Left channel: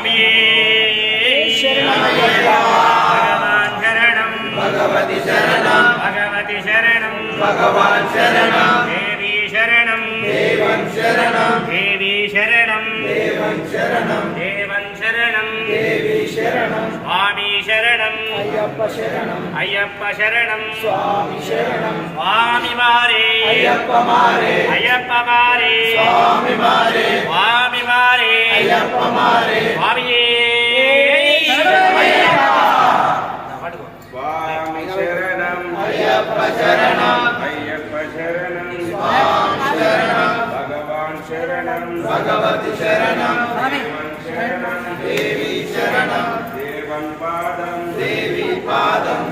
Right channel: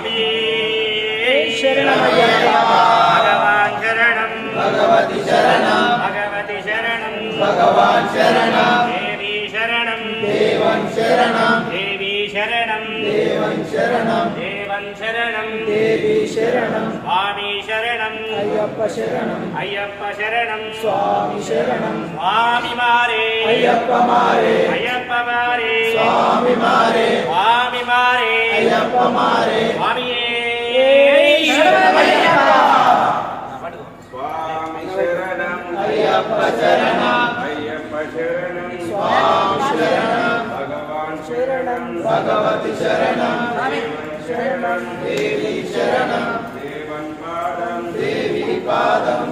स्वामिये भगवान् शरणं भगवति शरणं भगवति शरणं भगवान् शरणं देवी शरणं देवं शरणं देवी शरणं देवं शरणं देवं शरणं देवी शरणं स्वामी शरणं अय्यप्प शरणं अय्यप्प शरणं स्वामी शरणं स्वामी मारे अय्यप्प मारे अय्यप्प मारे स्वामी मारे स्वामी मारे अय्यप्प मारे स्वामी स्वामी शरणं अय्यप्प शरणं अय्यप्प शरणं स्वामी शरणं भगवान् शरणं भगवति शरणं देवं शरणं देवी शरणं देवं पादं देवी पादं